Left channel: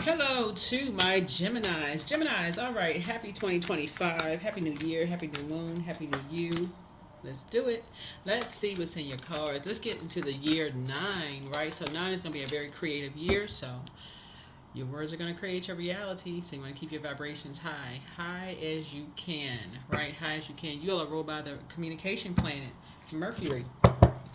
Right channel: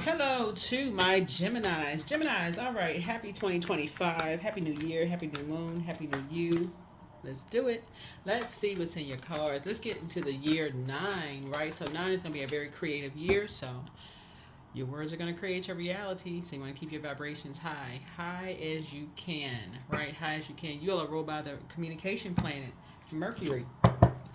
Hello to my Geminis. Geminis, all right. Happy 2025. Happy New Year. Happy New Moon. Happy New You. Let's do it. Let's see what's in your cards. Let's get into the year 9, right? So 9 is going to be a very creative year. So your words are going to create your reality. So you want to keep your vibrations high. High as you can, right? High as you can. You all are ruled by the communication planet, Mercury.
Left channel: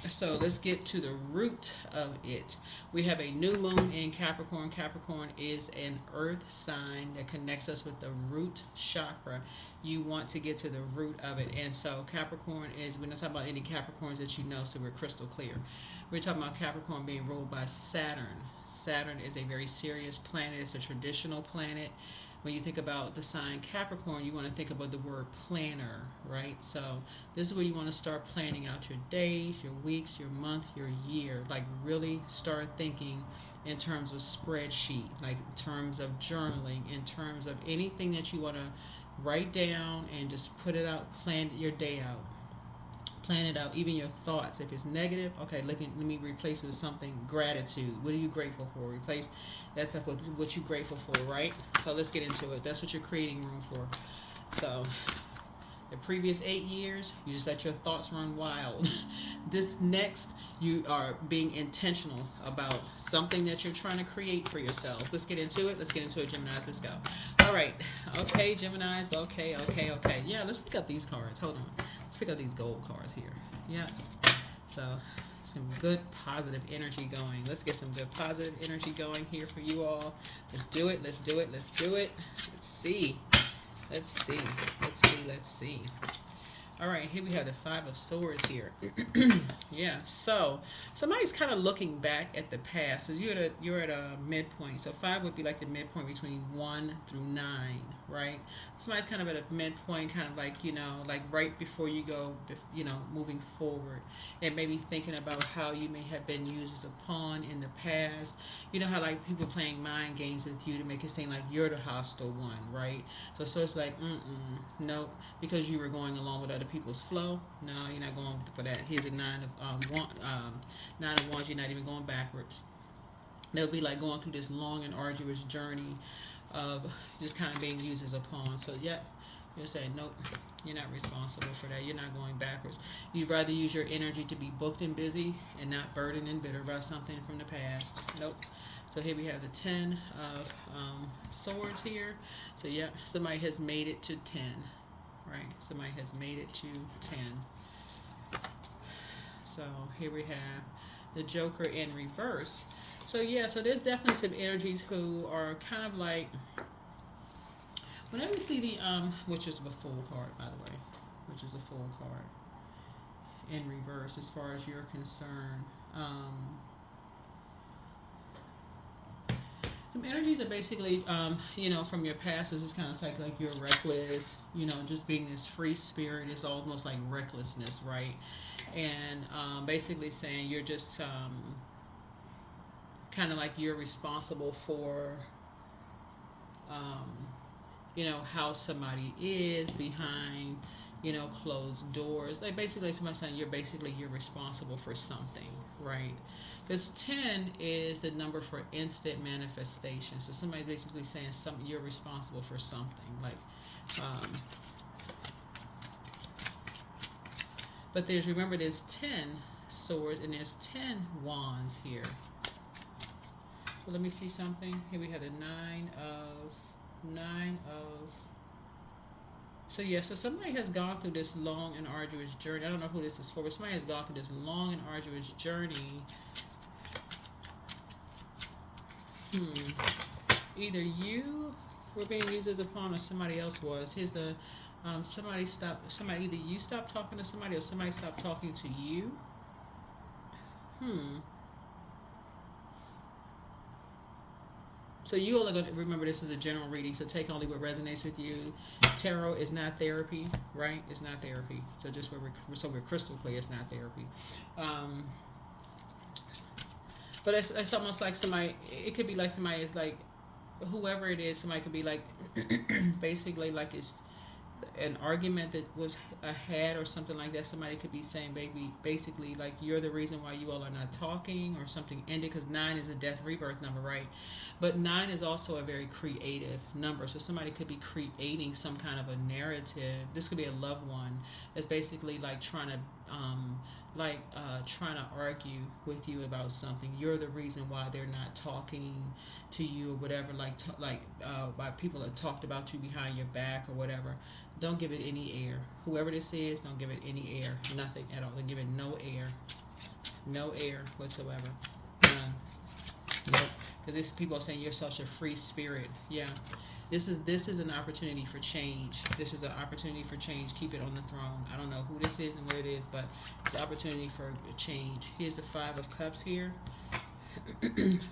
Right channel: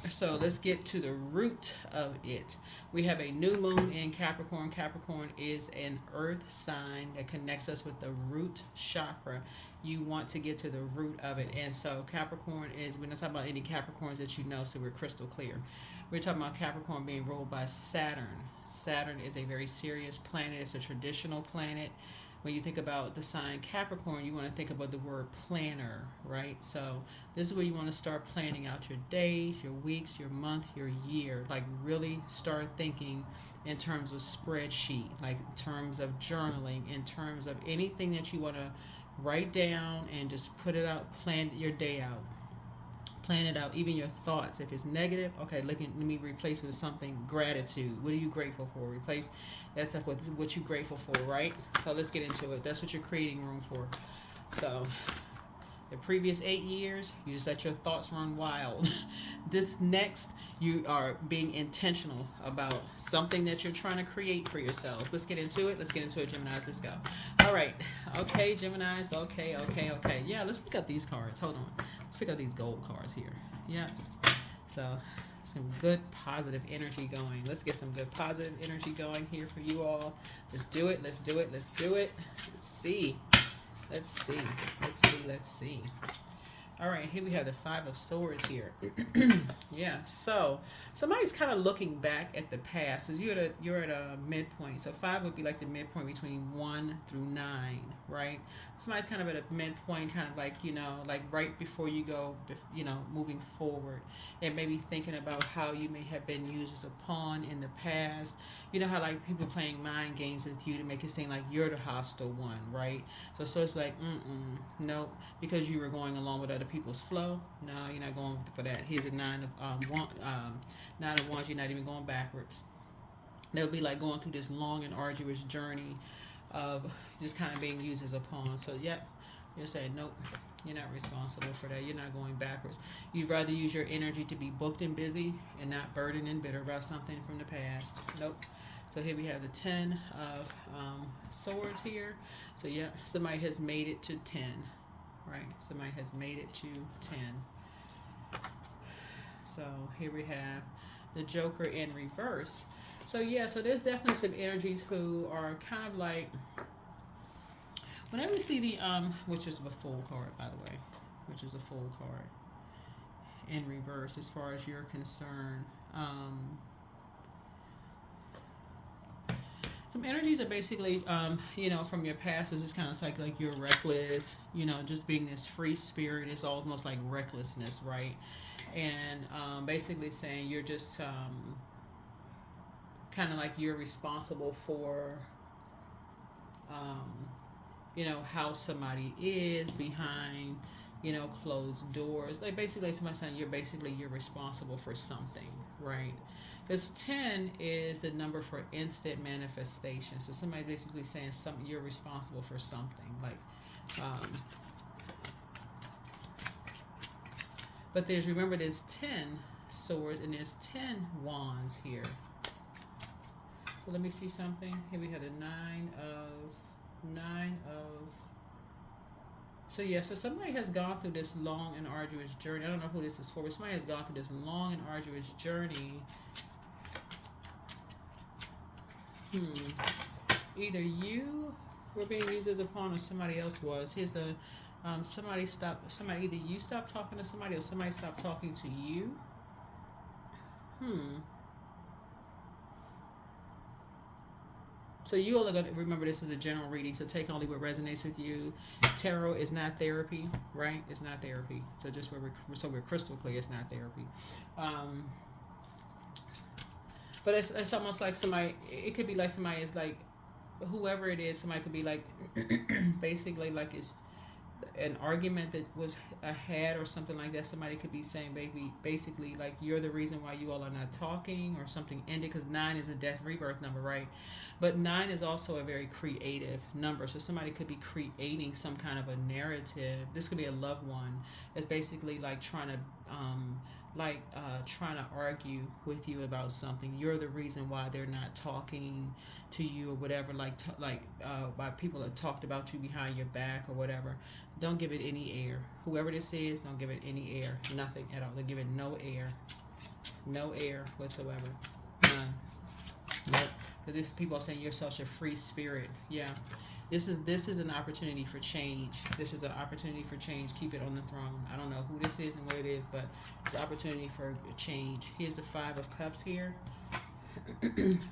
So let's get to the root of it. We have a new moon in Capricorn. Capricorn is an earth sign that connects us with the root chakra. You want to get to the root of it. And so Capricorn is, we're not talking about any Capricorns that you know, so we're crystal clear. We're talking about Capricorn being ruled by Saturn. Saturn is a very serious planet. It's a traditional planet. When you think about the sign Capricorn, you want to think about the word planner, right? So this is where you want to start planning out your days, your weeks, your month, your year. Like really start thinking in terms of spreadsheet, like in terms of journaling, in terms of anything that you want to write down and just put it out, plan your day out. Plan it out, even your thoughts. If it's negative, okay, let me replace with something gratitude. What are you grateful for? Replace that's like what you're grateful for, right? So let's get into it. That's what you're creating room for. So the previous 8 years, you just let your thoughts run wild. This next, you are being intentional about something that you're trying to create for yourself. Let's get into it. Let's get into it, Geminis. Let's go. All right. Okay, Geminis. Okay. Yeah, let's pick up these cards. Hold on. Let's pick up these gold cards here. Yeah. So some good positive energy going. Let's get some good positive energy going here for you all. Let's do it. Let's do it. Let's do it. Let's see. Let's see. Let's see. All right, here we have the Five of Swords here. Yeah, so somebody's kind of looking back at the past. So you're at a midpoint. So 5 would be like the midpoint between 1 through 9, right? Somebody's kind of at a midpoint, kind of like like right before you go, moving forward, and maybe thinking about how you may have been used as a pawn in the past. You know how like people playing mind games with you to make it seem like you're the hostile one, right? So it's like, nope, because you were going along with other people's flow. No, you're not going for that. Here's a nine of wands. You're not even going backwards. That would be like going through this long and arduous journey of just kind of being used as a pawn. So yeah, you said nope. You're not responsible for that. You're not going backwards. You'd rather use your energy to be booked and busy and not burdened and bitter about something from the past. Nope. So here we have the 10 of swords here. So yeah, somebody has made it to 10, right? Somebody has made it to 10. So here we have the Joker in reverse. So yeah, so there's definitely some energies who are kind of like, whenever we see the which is a full card, by the way, which is a full card in reverse as far as you're concerned. Some energies are basically, from your past is just kind of like you're reckless, just being this free spirit is almost like recklessness, right? And basically saying you're just kind of like you're responsible for, how somebody is behind, closed doors. Like basically somebody saying you're responsible for something, right? Because 10 is the number for instant manifestation. So somebody's basically saying something you're responsible for something. Like, but remember there's 10 swords and there's 10 wands here. So let me see something. Here we have the nine of. So yeah, so somebody has gone through this long and arduous journey. I don't know who this is for, but somebody has gone through this long and arduous journey. Either you were being used as a pawn or somebody else was. Here's the either you stopped talking to somebody or somebody stopped talking to you. So you all are going to remember this is a general reading, so take only what resonates with you. Tarot is not therapy, right? It's not therapy. So just we're crystal clear, it's not therapy. But it's almost like somebody, it could be like somebody is like, whoever it is, somebody could be like, basically like it's, an argument that was had or something like that. Somebody could be saying, baby, basically, like, you're the reason why you all are not talking, or something ended, because 9 is a death rebirth number, right? But 9 is also a very creative number. So somebody could be creating some kind of a narrative. This could be a loved one that's basically like trying to argue with you about something. You're the reason why they're not talking to you or whatever. Why people have talked about you behind your back or whatever. Don't give it any air. Whoever this is, don't give it any air. Nothing at all. Don't give it no air. No air whatsoever. None. Nope. Because these people are saying you're such a free spirit. Yeah. This is an opportunity for change. This is an opportunity for change. Keep it on the throne. I don't know who this is and what it is, but it's an opportunity for change. Here's the 5 of Cups here.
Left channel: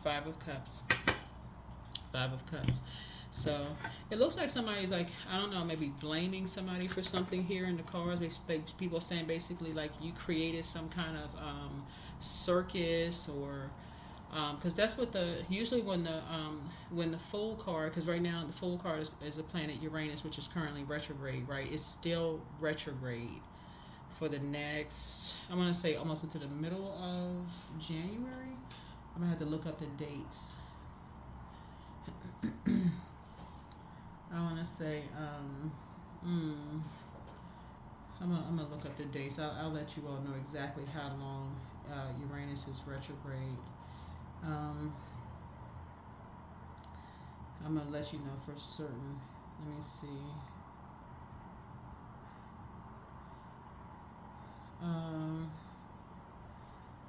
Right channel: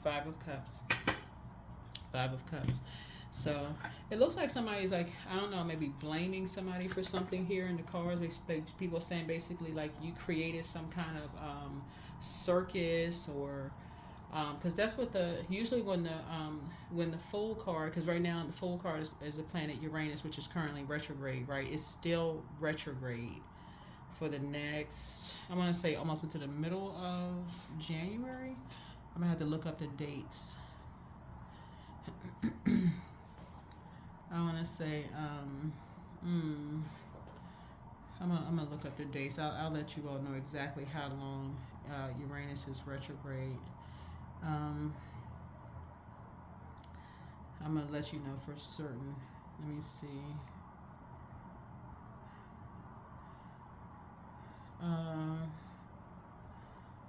5 of Cups. 5 of Cups. So it looks like somebody's like, I don't know, maybe blaming somebody for something here in the cards. People are saying basically like you created some kind of circus, or because that's what usually when the full card, because right now the full card is the planet Uranus, which is currently retrograde, right? It's still retrograde for the next, I want to say almost into the middle of January. I'm gonna have to look up the dates. I want to say I'm gonna look up the dates. I'll let you all know exactly how long Uranus is retrograde. I'm gonna let you know for certain. Let me see.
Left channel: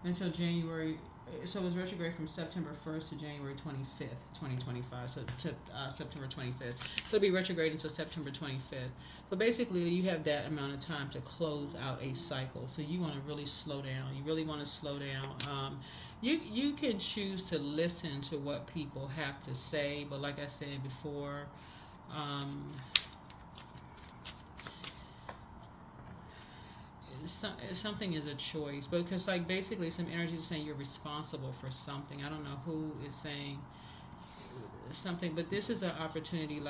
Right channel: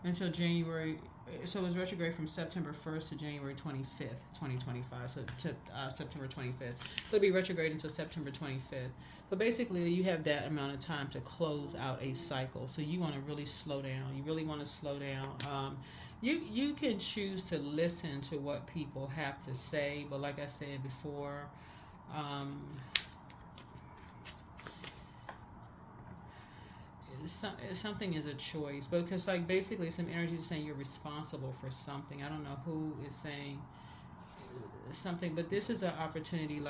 Until January. So it's retrograde from September 1st to January 25th, 2025. So to September 25th. So it'll be retrograde until September 25th. So basically, you have that amount of time to close out a cycle. So you want to really slow down. You really want to slow down. You can choose to listen to what people have to say, but like I said before, something is a choice, because like basically some energy is saying you're responsible for something. I don't know who is saying something, but this is an opportunity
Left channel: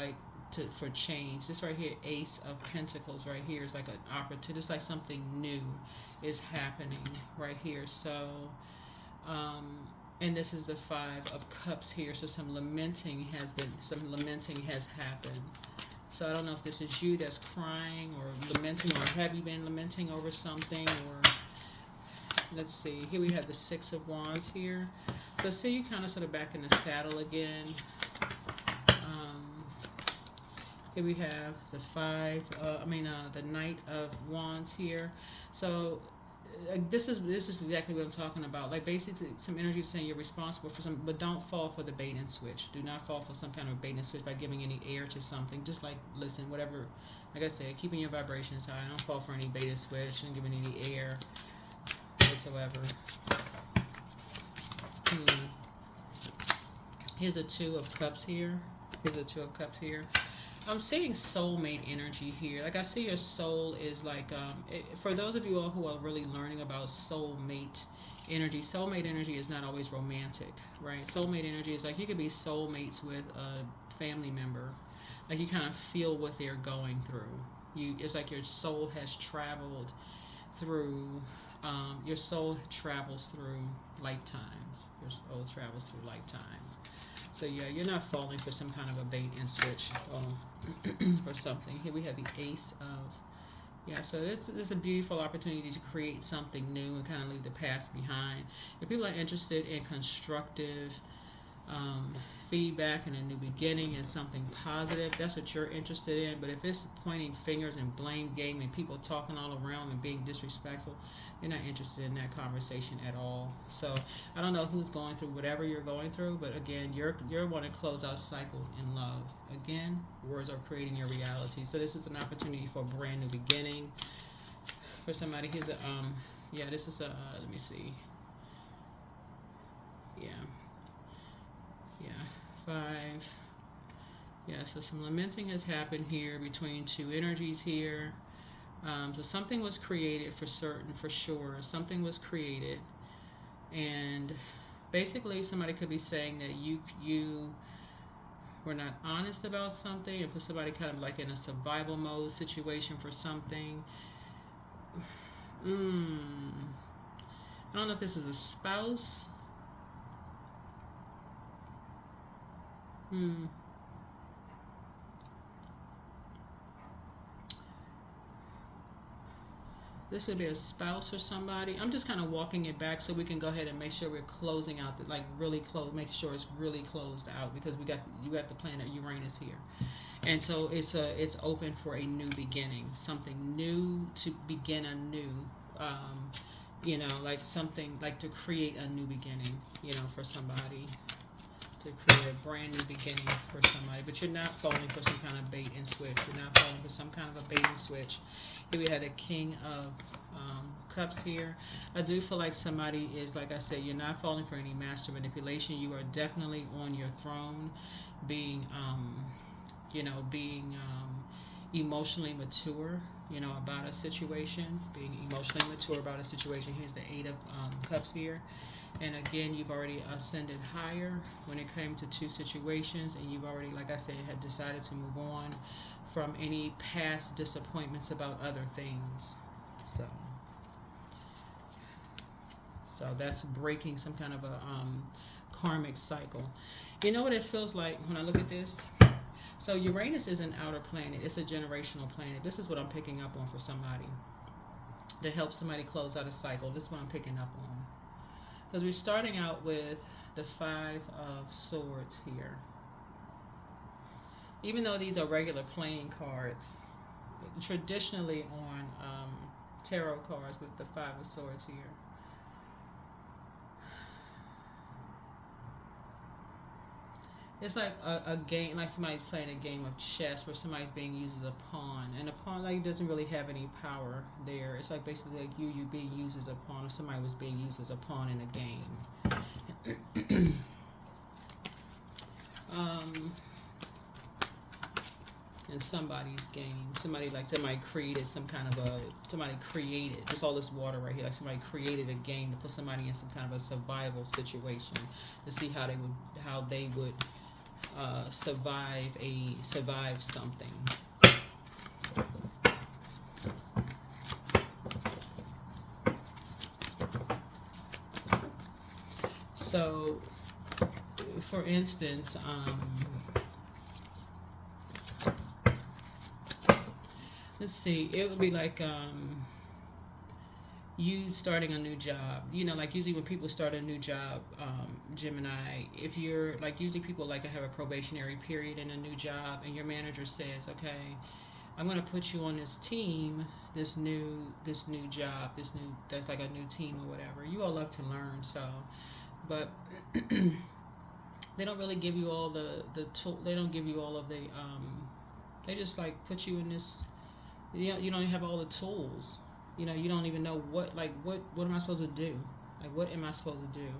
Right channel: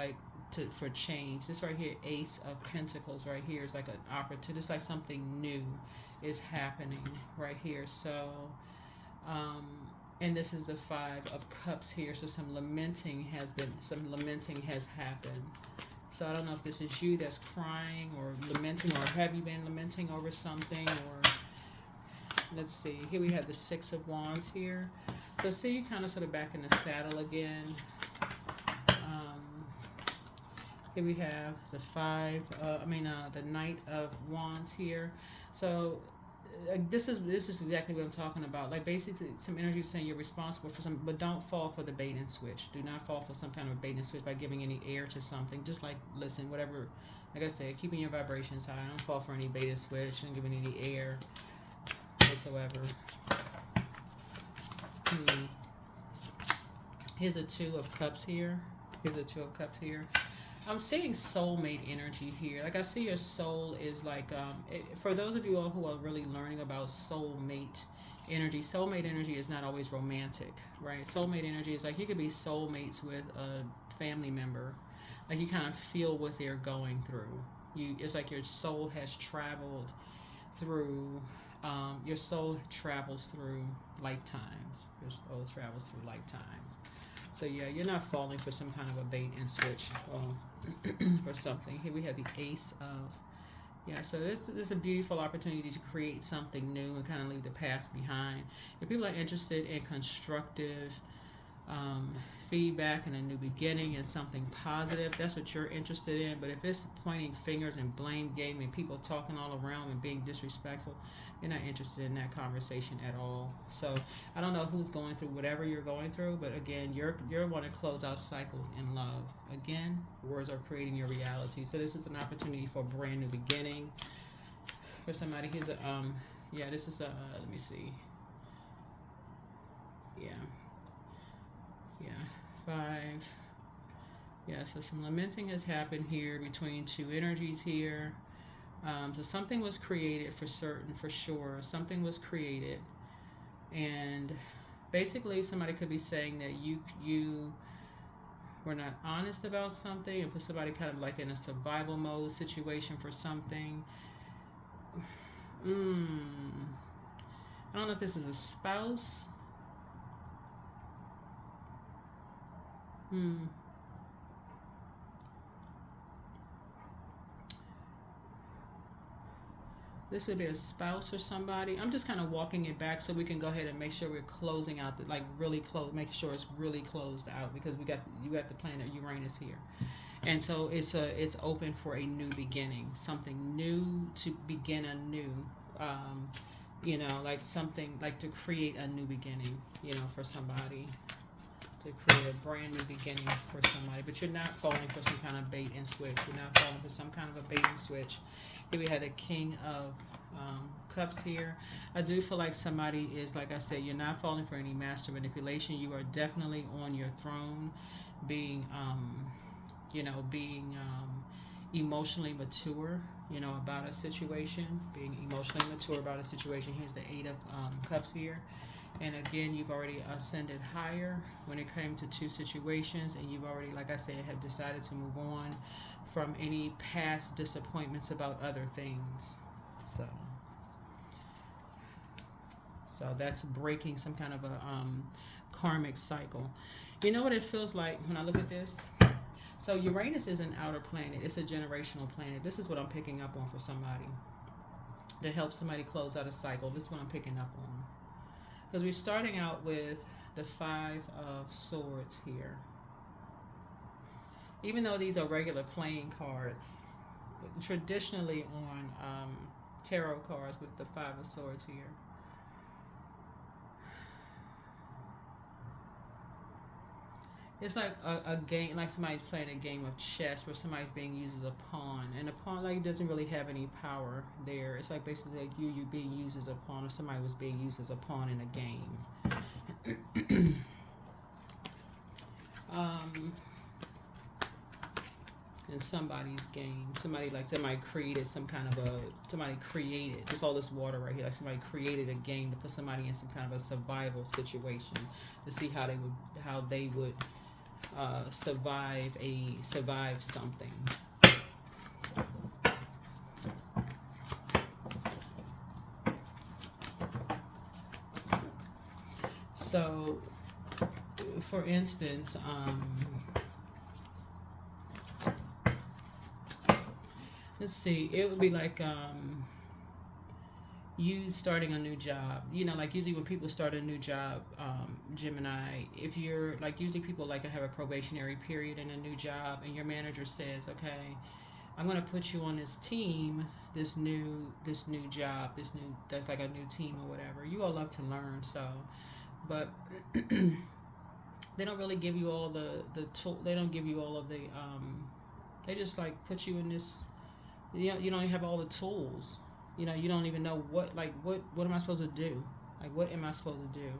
for change. This right here, Ace of Pentacles right here, is like an opportunity. It's like something new is happening right here. So and this is the 5 of Cups here. So some lamenting has happened. So I don't know if this is you that's crying or lamenting, or have you been lamenting over something, or let's see. Here we have the 6 of Wands here. So see, you kind of sort of back in the saddle again. Here we have the the Knight of Wands here. So this is exactly what I'm talking about. Like basically, some energy saying you're responsible for some, but don't fall for the bait and switch. Do not fall for some kind of bait and switch by giving any air to something. Just like listen, whatever. Like I said, keeping your vibrations high. Don't fall for any bait and switch and giving any air whatsoever. Here's a 2 of Cups here. I'm seeing soulmate energy here. Like I see your soul is like, for those of you all who are really learning about soulmate energy is not always romantic, right? Soulmate energy is like you could be soulmates with a family member. Like you kind of feel what they're going through. It's like your soul has traveled through, your soul travels through lifetimes. Your soul travels through lifetimes. So yeah, you're not falling for some kind of a bait and switch or something. Here we have the Ace of, so it's a beautiful opportunity to create something new and kind of leave the past behind. If people are interested in constructive feedback and a new beginning and something positive, that's what you're interested in. But if it's pointing fingers and blame game and people talking all around and being disrespectful, you're not interested in that conversation at all. So I don't know who's going through whatever you're going through, but again, you're wanting to close out cycles in love. Again, words are creating your reality. So this is an opportunity for a brand new beginning for somebody. Here's a this is a let me see. 5. So some lamenting has happened here between 2 energies here. So something was created for sure. Something was created, and basically somebody could be saying that we're not honest about something, and put somebody kind of like in a survival mode situation for something. I don't know if this is a spouse. This would be a spouse or somebody. I'm just kind of walking it back so we can go ahead and make sure we're closing out the, like really close, making sure it's really closed out, because you got the planet Uranus here, and so it's open for a new beginning, something new, to begin anew. Like something like to create a new beginning, for somebody, to create a brand new beginning for somebody. But you're not falling for some kind of bait and switch. You're not falling for some kind of a bait and switch. Here we had a King of Cups here. I do feel like somebody is, like I said, you're not falling for any master manipulation. You are definitely on your throne, being, being emotionally mature, about a situation, being emotionally mature about a situation. Here's the Eight of Cups here. And again, you've already ascended higher when it came to two situations, and you've already, like I said, have decided to move on from any past disappointments about other things. So that's breaking some kind of a karmic cycle. You know what it feels like when I look at this? So Uranus is an outer planet. It's a generational planet. This is what I'm picking up on for somebody, to help somebody close out a cycle. This is what I'm picking up on. Because we're starting out with the Five of Swords here. Even though these are regular playing cards, traditionally on tarot cards with the Five of Swords here, it's like a game, like somebody's playing a game of chess where somebody's being used as a pawn, and the pawn like doesn't really have any power there. It's like basically like you being used as a pawn, or somebody was being used as a pawn in a game. In somebody's game, somebody created somebody created just all this water right here, like somebody created a game to put somebody in some kind of a survival situation to see how they would survive something. So, for instance, let's see, it would be like you starting a new job. Like usually when people start a new job, Gemini, if you're like, usually people like to have a probationary period in a new job, and your manager says, okay, I'm going to put you on this team, this new job, that's like a new team or whatever. You all love to learn, so, but they don't really give you all the tool. They don't give you all of the they just like put you in this. You don't have all the tools. You don't even know what am I supposed to do? Like, what am I supposed to do?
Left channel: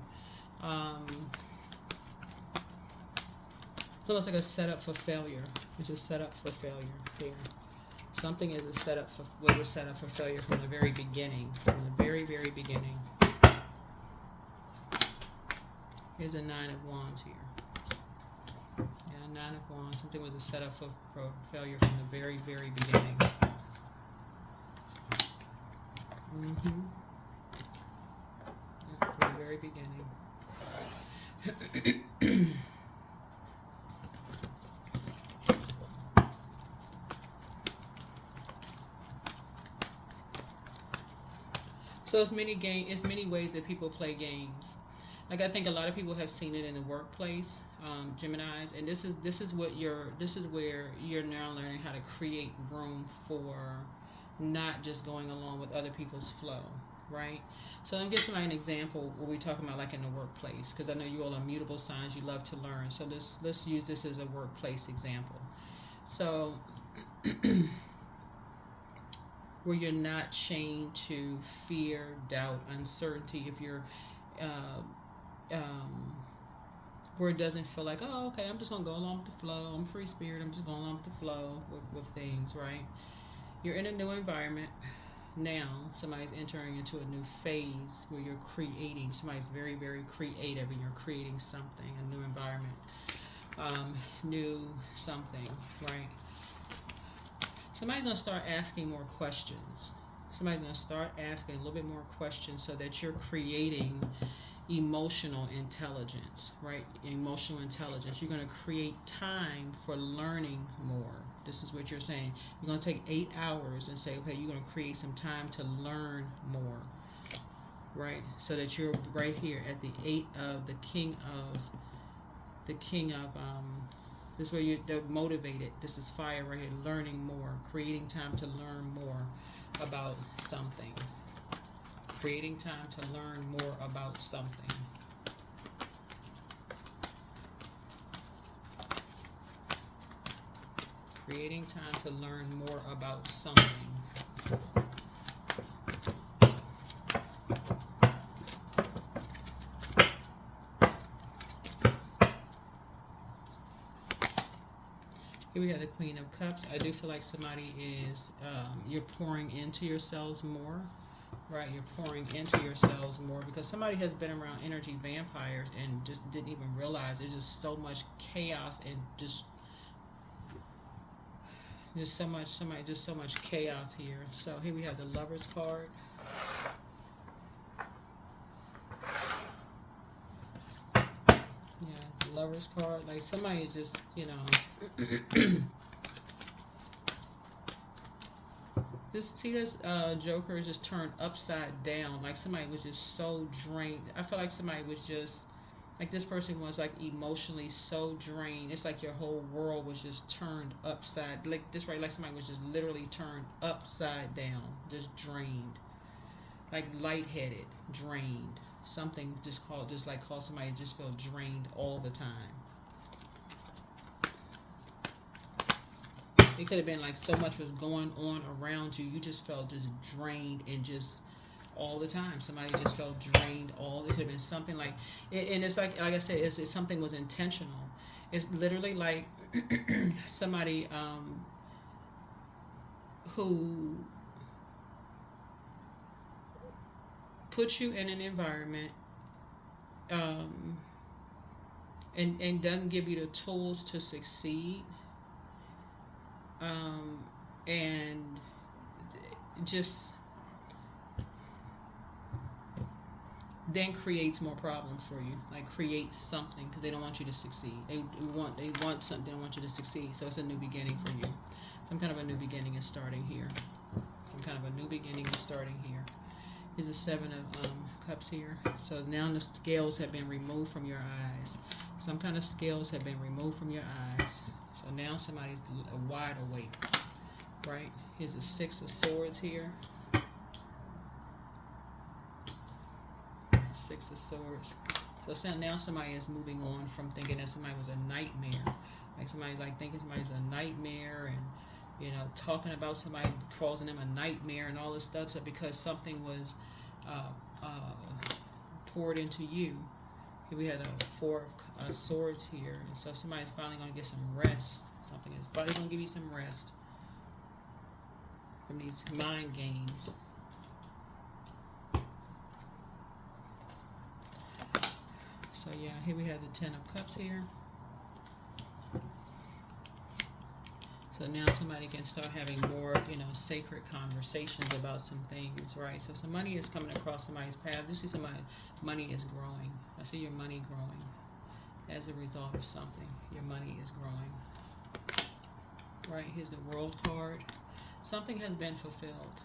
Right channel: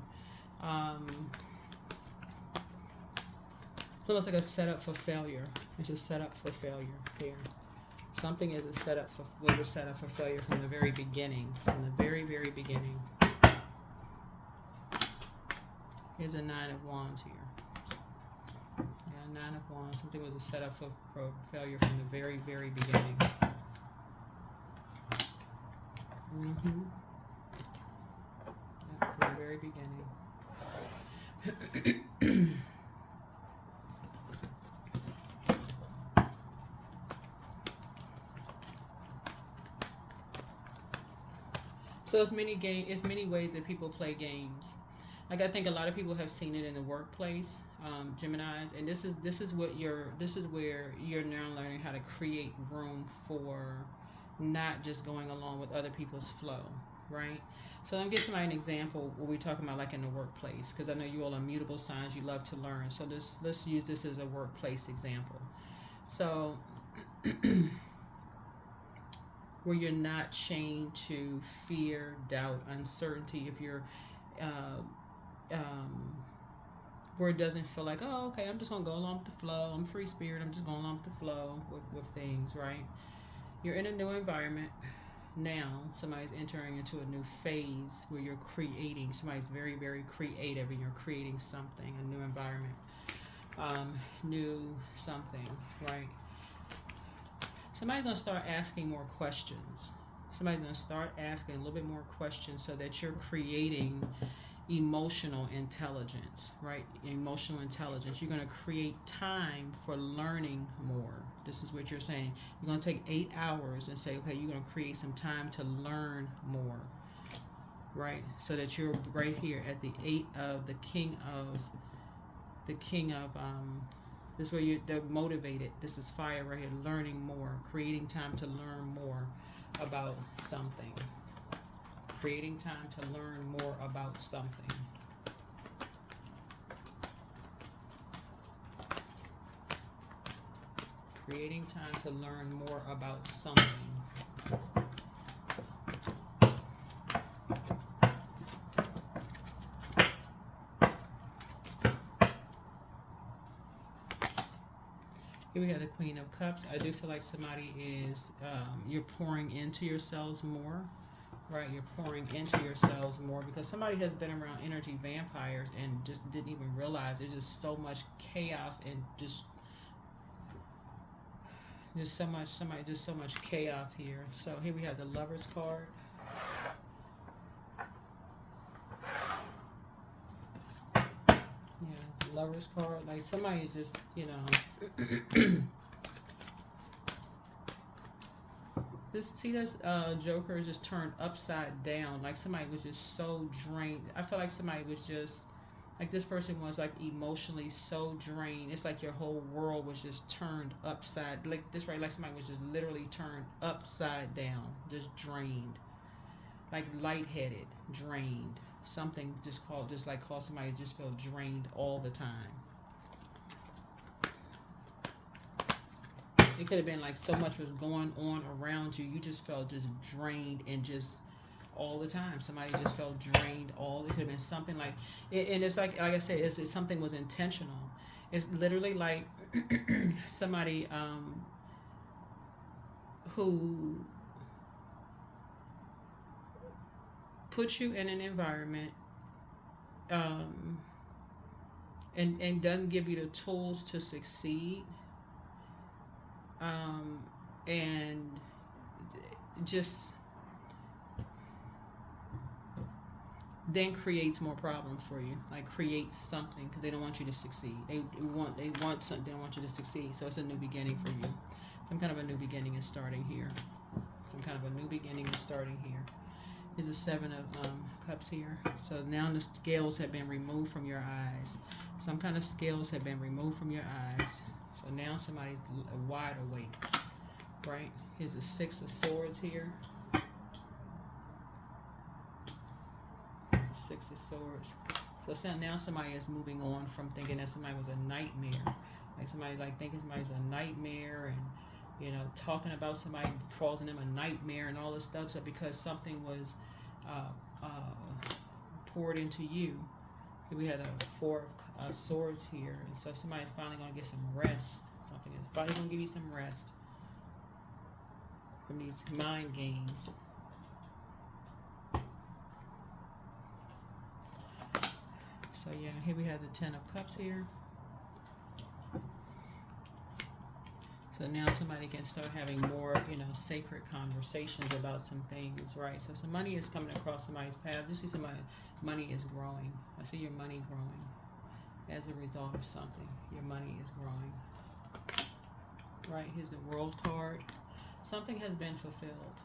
So it's like a setup for failure. It's a setup for failure here. Something was a setup for failure from the very beginning. From the very, very beginning. Here's a Nine of Wands here. Yeah, Nine of Wands. Something was a setup for failure from the very, very beginning. Yeah, from the very beginning. So it's many ways that people play games. Like I think a lot of people have seen it in the workplace, Geminis, and this is where you're now learning how to create room for not just going along with other people's flow, right? So I'm giving somebody an example what we're talking about, like in the workplace, because I know you all are mutable signs. You love to learn, so let's use this as a workplace example. So where you're not chained to fear, doubt, uncertainty. If you're where it doesn't feel like, oh, okay, I'm just gonna go along with the flow. I'm free spirit. I'm just going along with the flow with things, right? You're in a new environment now. Somebody's entering into a new phase where you're creating. Somebody's very, very creative, and you're creating something, a new environment. new something, right? Somebody's going to start asking more questions. Somebody's going to start asking a little bit more questions so that you're creating emotional intelligence, right? Emotional intelligence. You're going to create time for learning more. This is what you're saying. You're going to take 8 hours and say, okay, you're going to create some time to learn more, right? So that you're right here at the 8 of the king of this is where they're motivated. This is fire right here. Learning more, creating time to learn more about something. Creating time to learn more about something. Creating time to learn more about something. Here we have the Queen of Cups. I do feel like somebody is, you're pouring into yourselves more, right? You're pouring into yourselves more because somebody has been around energy vampires and just didn't even realize there's just so much chaos and just so much chaos here. So here we have the Lovers card. Yeah, the Lovers card. Like somebody is just, this Joker is just turned upside down. Like somebody was just so drained. I feel like somebody was just like this person was like emotionally so drained. It's like your whole world was just turned upside. Like this right, like somebody was just literally turned upside down, just drained, like lightheaded, drained. Something just called somebody just feel drained all the time. It could have been like so much was going on around you. You just felt just drained and just all the time. Somebody just felt drained. It could have been something like, and it's like I said, it's something was intentional. It's literally like somebody who puts you in an environment and doesn't give you the tools to succeed. And just then creates more problems for you. Like creates something because they don't want you to succeed. They want something. They don't want you to succeed. So it's a new beginning for you. Some kind of a new beginning is starting here. Some kind of a new beginning is starting here. There's a 7 of Cups here. So now the scales have been removed from your eyes. Some kind of scales have been removed from your eyes. So now somebody's wide awake, right? Here's the 6 of Swords here. 6 of Swords. So now somebody is moving on from thinking that somebody was a nightmare. Like somebody thinking somebody's a nightmare and, talking about somebody causing them a nightmare and all this stuff. So because something was poured into you. Here we had a 4 of Swords here. And so somebody's finally going to get some rest. Something is finally going to give you some rest from these mind games. So yeah, here we have the 10 of Cups here. So now somebody can start having more, sacred conversations about some things, right? So some money is coming across somebody's path. You see somebody, money is growing. I see your money growing as a result of something. Your money is growing. Right, here's the World card. Something has been fulfilled.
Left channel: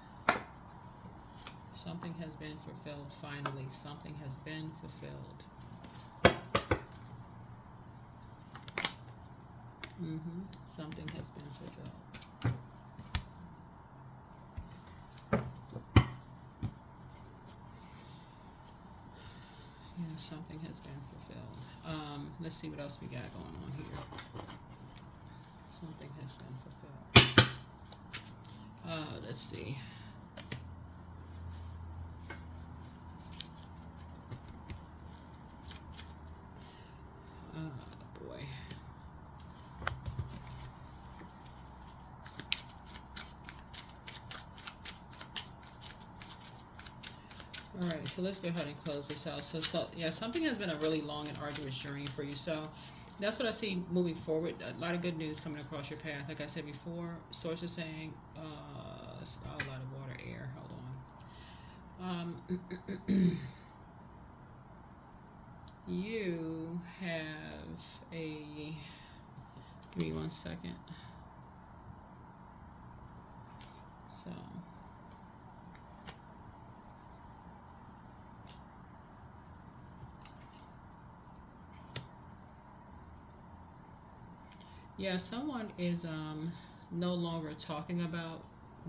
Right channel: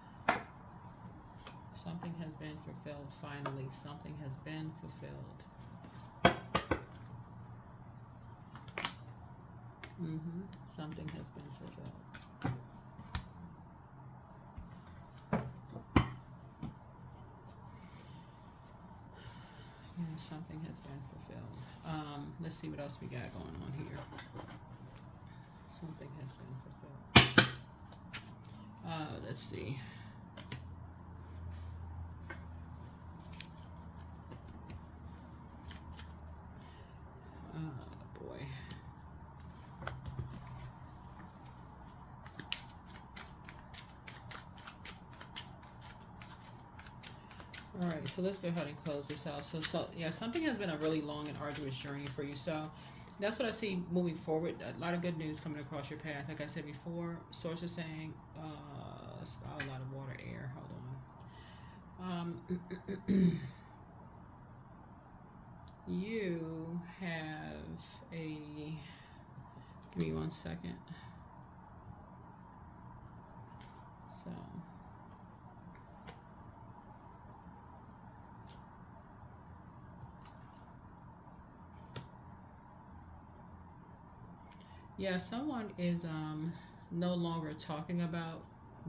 Something has been fulfilled finally. Something has been fulfilled. Something has been fulfilled. Something has been fulfilled. Let's see what else we got going on here. Something has been fulfilled. Let's see. Boy. All right, so let's go ahead and close this out. So yeah, something has been a really long and arduous journey for you. So That's what I see moving forward. A lot of good news coming across your path. Like I said before, source is saying, a lot of water, air. Hold on. You have a. Give me 1 second. So. Yeah, someone is no longer talking about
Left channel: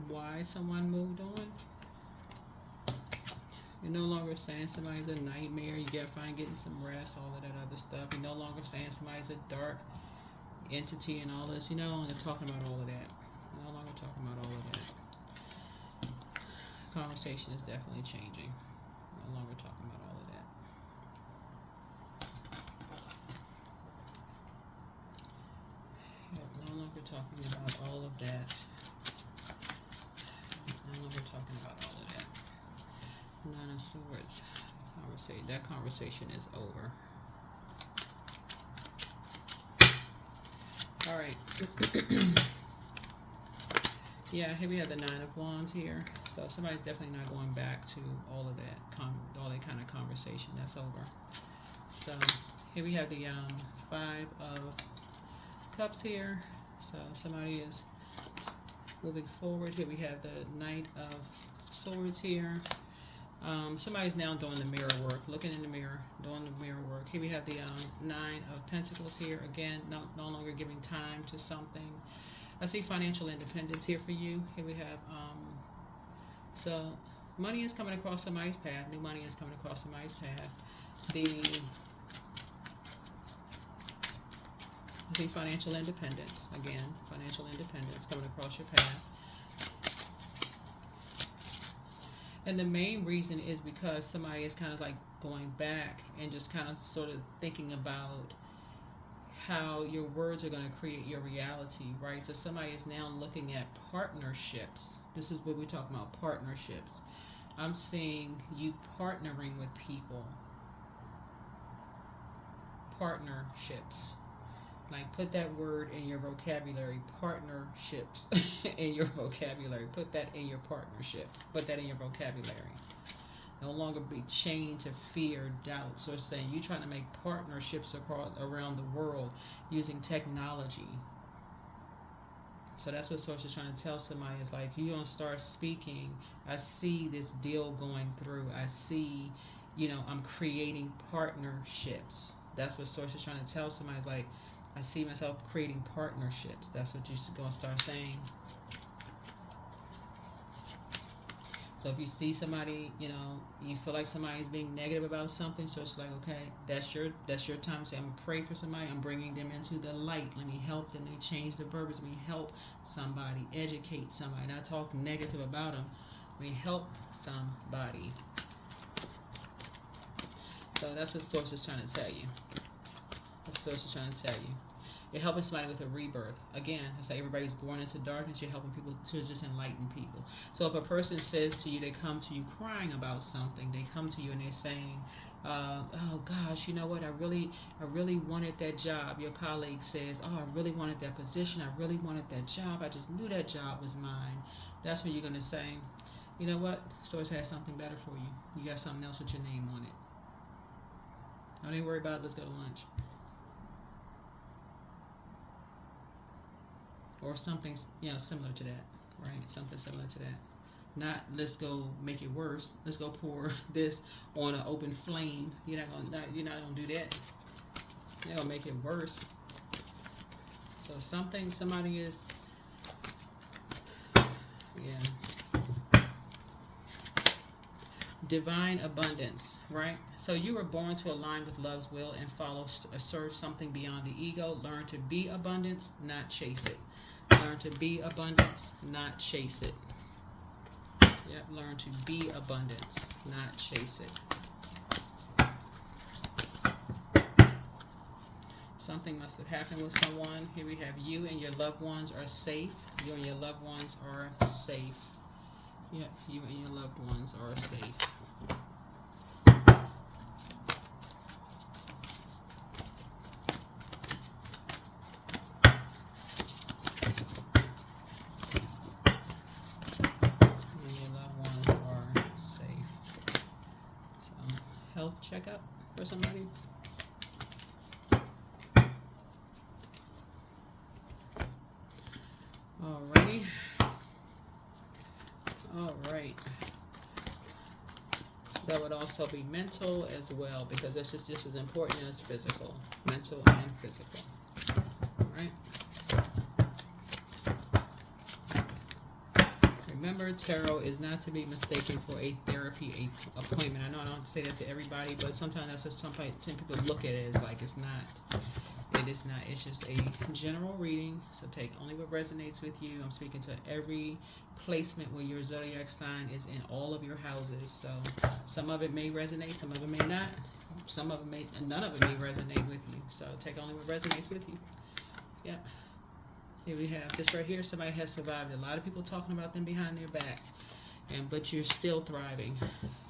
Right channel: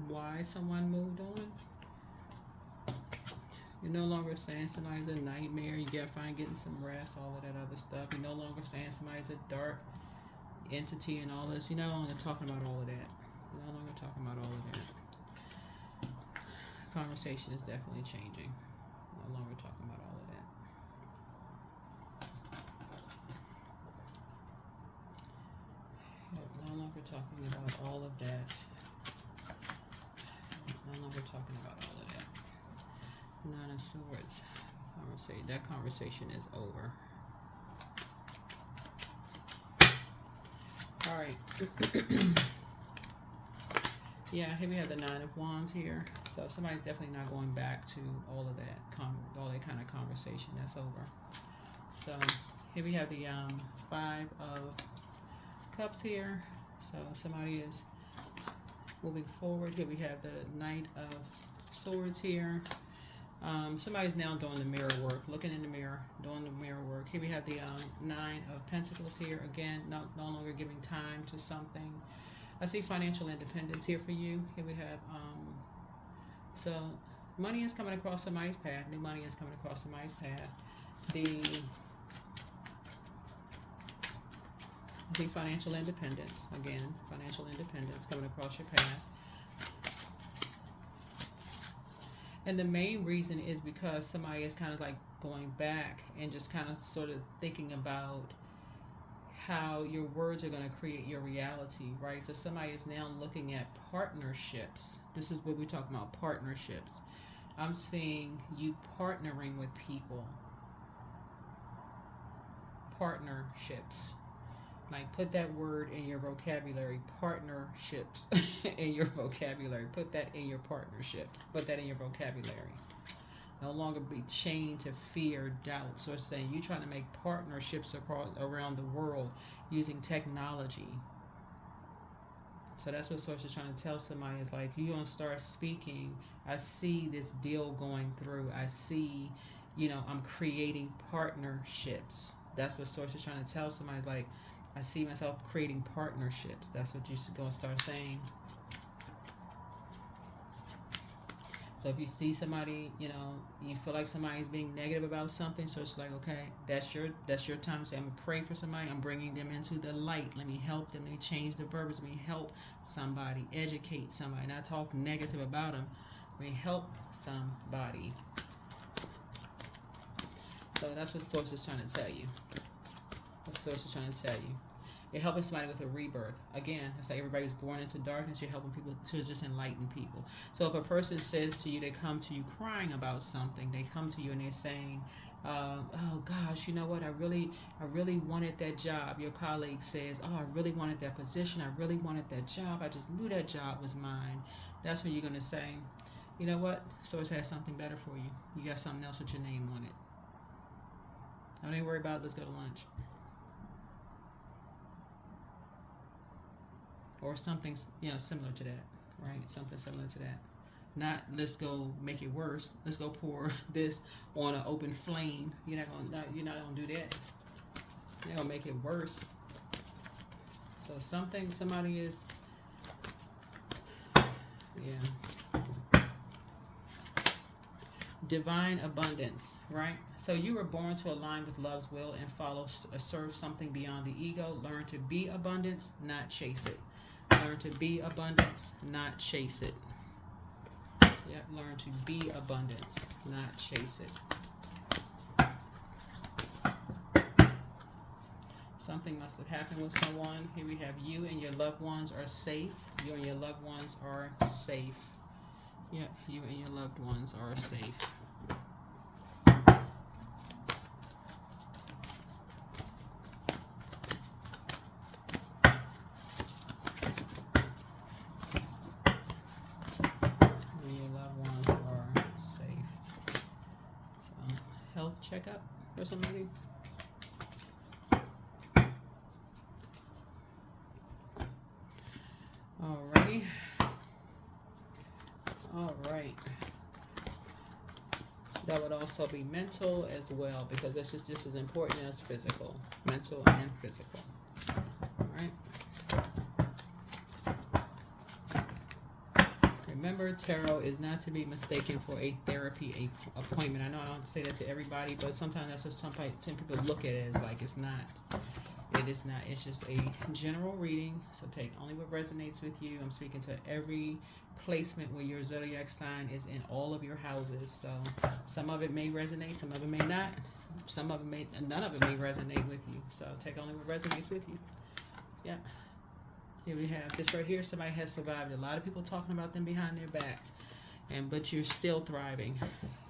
why someone moved on. You're no longer saying somebody's a nightmare. You gotta find getting some rest, all of that other stuff. You're no longer saying somebody's a dark entity and all this. You're no longer talking about all of that. You're no longer talking about all of that. Conversation is definitely changing. No longer talking about all of that. No longer talking about all of that. No longer talking about all of that. Nine of Swords. That conversation is over. All right. Yeah, here we have the Nine of Wands here. So somebody's definitely not going back to all of that, all that kind of conversation. That's over. So here we have the Five of Cups here. So somebody is moving forward. Here we have the Knight of Swords here. Somebody's now doing the mirror work, looking in the mirror, doing the mirror work. Here we have the Nine of Pentacles here. Again, no longer giving time to something. I see financial independence here for you. Here we have, so money is coming across somebody's path. New money is coming across somebody's path. I see financial independence. Again, financial independence coming across your path. And the main reason is because somebody is kind of like going back and just kind of sort of thinking about how your words are going to create your reality, right? So somebody is now looking at partnerships. This is what we're talking about, partnerships. I'm seeing you partnering with people. Partnerships. Like, put that word in your vocabulary. Partnerships in your vocabulary. Put that in your partnership. Put that in your vocabulary. No longer be chained to fear, doubts, or saying you're trying to make partnerships around the world using technology. So that's what Source is trying to tell somebody. Is like, you don't start speaking. I see this deal going through. I see, I'm creating partnerships. That's what Source is trying to tell somebody. Is like, I see myself creating partnerships. That's what you're going to start saying. So if you see somebody, you feel like somebody's being negative about something, so it's like, okay, that's your time to say, I'm going to pray for somebody. I'm bringing them into the light. Let me help them. Let me change the verbiage. Let me help somebody, educate somebody, not talk negative about them. Let me help somebody. So that's what Source is trying to tell you. What Source is trying to tell you. You're helping somebody with a rebirth. Again, I say everybody's born into darkness. You're helping people to just enlighten people. So if a person says to you, they come to you crying about something. They come to you and they're saying, oh gosh, you know what? I really wanted that job. Your colleague says, oh, I really wanted that position. I really wanted that job. I just knew that job was mine. That's when you're going to say, you know what? Source has something better for you. You got something else with your name on it. Don't even worry about it. Let's go to lunch. Or something, similar to that, right? Something similar to that. Not, let's go make it worse. Let's go pour this on an open flame. You're not gonna do that. You're gonna make it worse. So somebody is, divine abundance, right? So you were born to align with love's will and serve something beyond the ego. Learn to be abundance, not chase it. Learn to be abundance, not chase it. Yeah, learn to be abundance, not chase it. Something must have happened with someone. Here we have you and your loved ones are safe. You and your loved ones are safe. Yeah, you and your loved ones are safe. All right. That would also be mental as well, because that's just as important as physical. Mental and physical. All right. Remember, tarot is not to be mistaken for a therapy appointment. I know I don't say that to everybody, but sometimes that's just some people look at it as like it's not. It is not. It's just a general reading. So take only what resonates with you. I'm speaking to every placement where your zodiac sign is in all of your houses. So some of it may resonate, some of it may not. Some of it may, none of it may resonate with you. So take only what resonates with you. Yep. Here we have this right here. Somebody has survived. A lot of people talking about them behind their back. But you're still thriving.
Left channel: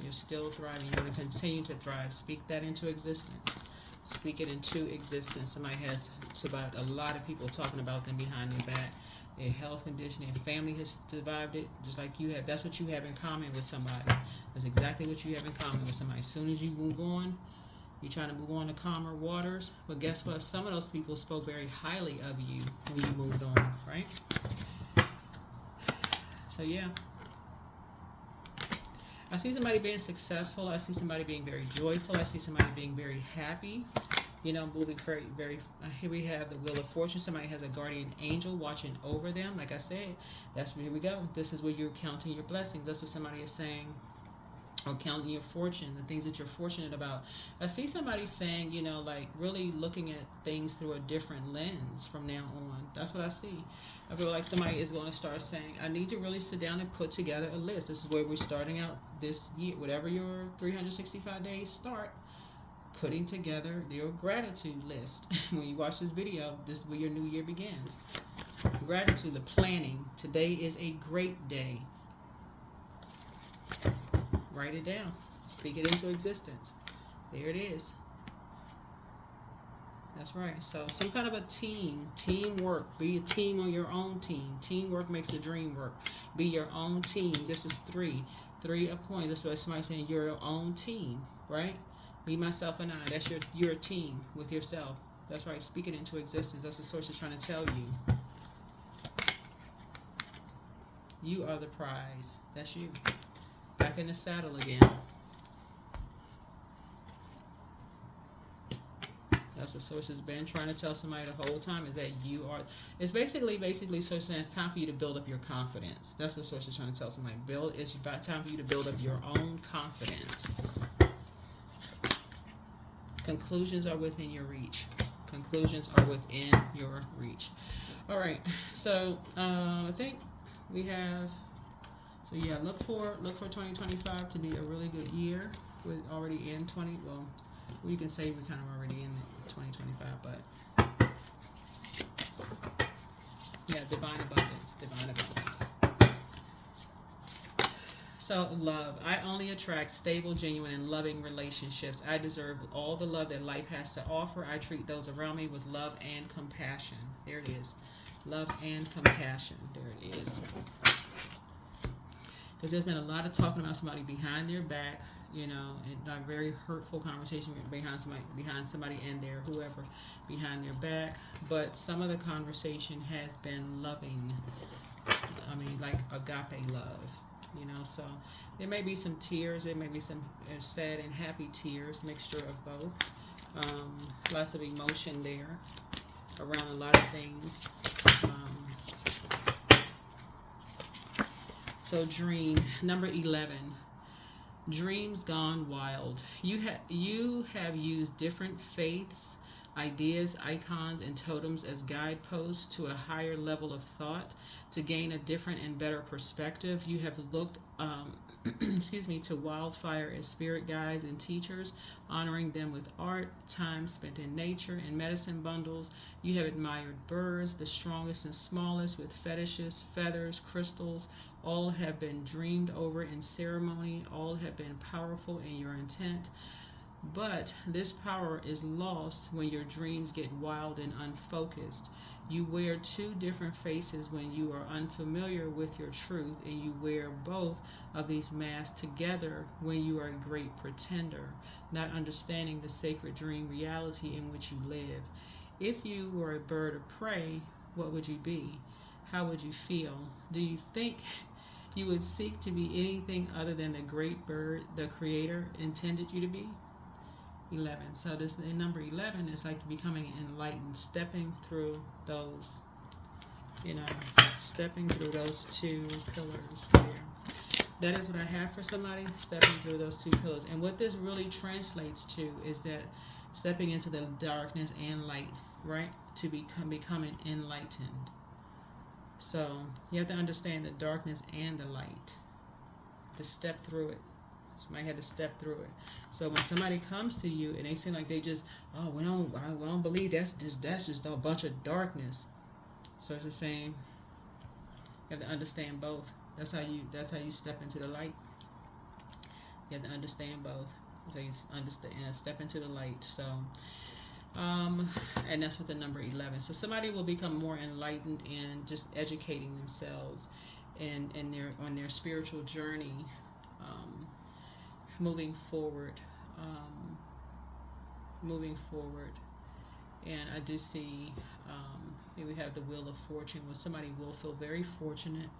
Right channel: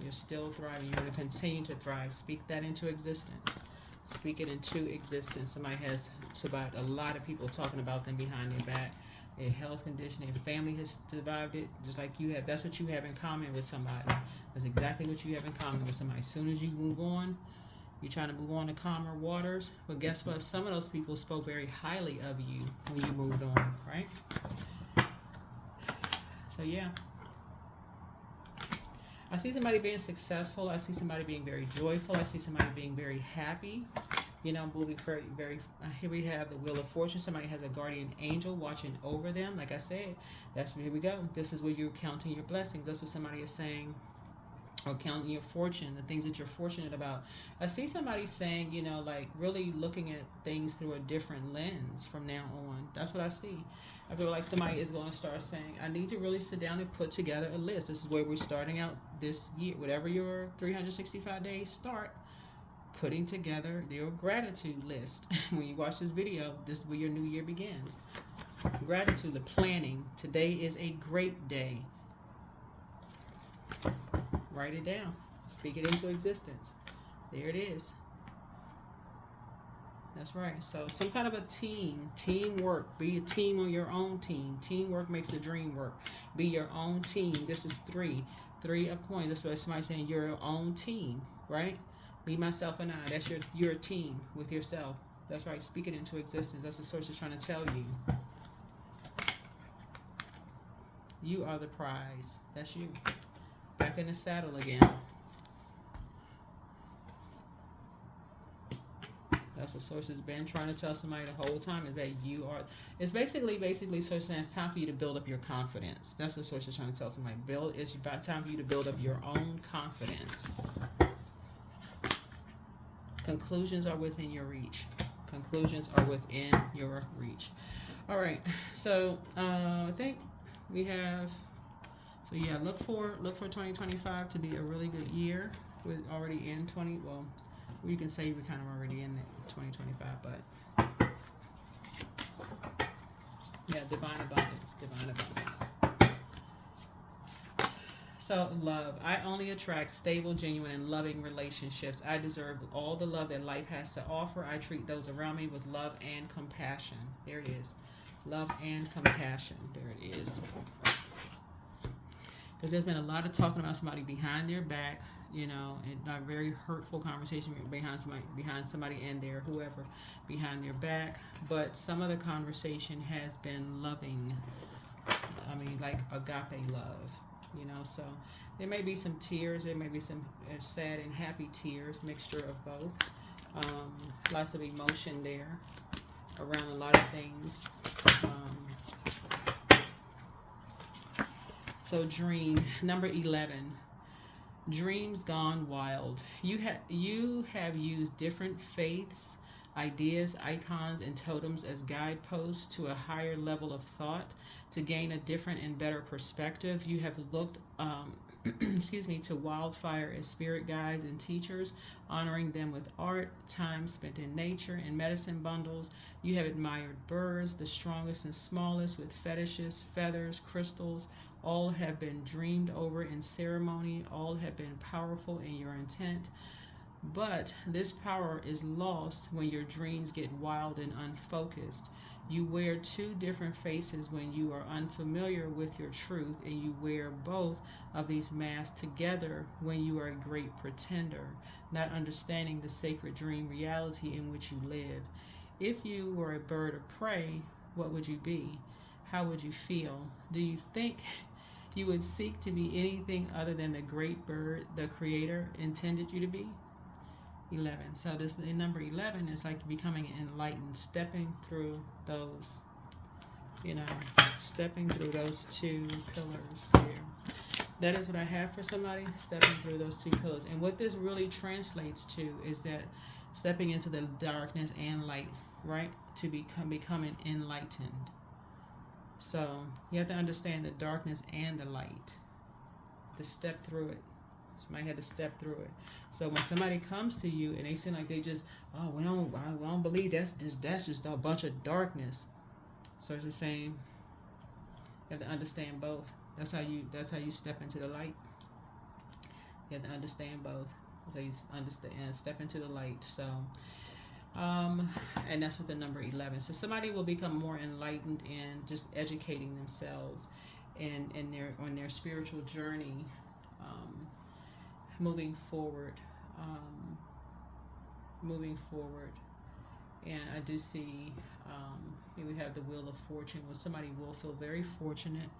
You're still thriving. You're going to continue to thrive. Speak that into existence. Speak it into existence. Somebody has survived. A lot of people talking about them behind their back. Their health condition, their family has survived it, just like you have. That's what you have in common with somebody. That's exactly what you have in common with somebody. As soon as you move on, you're trying to move on to calmer waters. But guess what? Some of those people spoke very highly of you when you moved on, right? So, yeah. I see somebody being successful. I see somebody being very joyful. I see somebody being very happy. You know, moving very. Here we have the Wheel of Fortune. Somebody has a guardian angel watching over them. Like I said, here we go. This is where you're counting your blessings. That's what somebody is saying. Or counting your fortune, the things that you're fortunate about. I see somebody saying, you know, like really looking at things through a different lens from now on. That's what I see. I feel like somebody is going to start saying, I need to really sit down and put together a list. This is where we're starting out this year. Whatever your 365 days start, putting together your gratitude list. When you watch this video, this is where your new year begins. Gratitude, the planning. Today is a great day. Write it down. Speak it into existence. There it is. That's right. So some kind of a teamwork. Be a team on your own team. Teamwork makes the dream work. Be your own team. This is three a point. That's what somebody's saying. You're your own team, right? Me, myself, and I. That's your team with yourself. That's right. Speak it into existence. That's what the source is trying to tell you. You are the prize. That's you. Back in the saddle again. That's what source has been trying to tell somebody the whole time, is that you are. It's basically source saying it's time for you to build up your confidence. That's what source is trying to tell somebody. It's about time for you to build up your own confidence. Conclusions are within your reach. Conclusions are within your reach. All right. So I think we have. So yeah, look for 2025 to be a really good year. We're already in 20. Well, you can say we're kind of already in 2025, but yeah, divine abundance. So love. I only attract stable, genuine, and loving relationships. I deserve all the love that life has to offer. I treat those around me with love and compassion. There it is. Love and compassion. There it is. Because there's been a lot of talking about somebody behind their back, you know, and a very hurtful conversation behind somebody and their whoever behind their back. But some of the conversation has been loving. I mean, like agape love, you know. So there may be some tears. There may be some sad and happy tears, mixture of both. Lots of emotion there around a lot of things. So dream, number 11, dreams gone wild. You have used different faiths, ideas, icons, and totems as guideposts to a higher level of thought to gain a different and better perspective. You have looked, to wildfire as spirit guides and teachers, honoring them with art, time spent in nature, and medicine bundles. You have admired birds, the strongest and smallest, with fetishes, feathers, crystals. All have been dreamed over in ceremony. All have been powerful in your intent. But this power is lost when your dreams get wild and unfocused. You wear two different faces when you are unfamiliar with your truth, and you wear both of these masks together when you are a great pretender, not understanding the sacred dream reality in which you live. If you were a bird of prey, what would you be? How would you feel? Do you think you would seek to be anything other than the great bird the Creator intended you to be. 11. So this the number 11 is like becoming enlightened, stepping through those, stepping through those two pillars there. That is what I have for somebody, stepping through those two pillars. And what this really translates to is that stepping into the darkness and light, right? To becoming enlightened. So you have to understand the darkness and the light to step through it. Somebody had to step through it. So when somebody comes to you and they seem like they just, oh, we don't believe that's just a bunch of darkness. So it's the same. You have to understand both. That's how you step into the light. You have to understand both. So you understand step into the light. So and that's with the number 11. So somebody will become more enlightened in just educating themselves and on their spiritual journey, moving forward. And I do see here we have the Wheel of Fortune, where somebody will feel very fortunate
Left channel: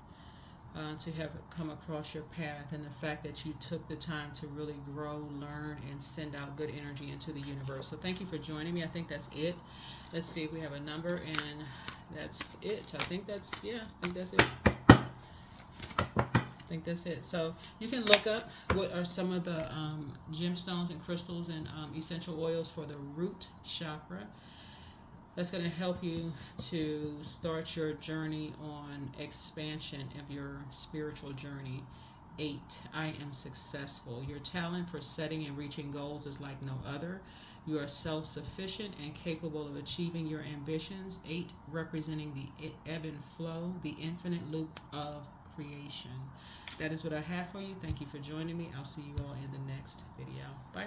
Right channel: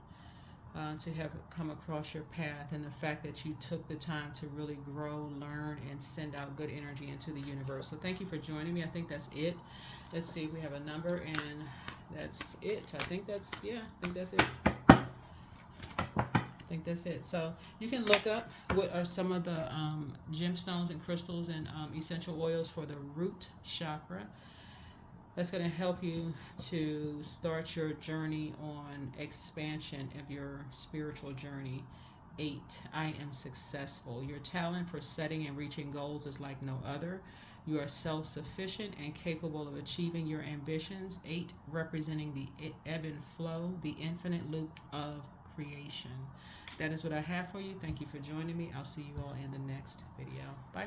to have come across your path, and the fact that you took the time to really grow, learn, and send out good energy into the universe. So thank you for joining me. I think that's it. Let's see if we have a number, and that's it. I think that's it. I think that's it. So you can look up what are some of the gemstones and crystals and essential oils for the root chakra. That's going to help you to start your journey on expansion of your spiritual journey. 8, I am successful. Your talent for setting and reaching goals is like no other. You are self-sufficient and capable of achieving your ambitions. 8, representing the ebb and flow, the infinite loop of creation. That is what I have for you. Thank you for joining me. I'll see you all in the next video. Bye.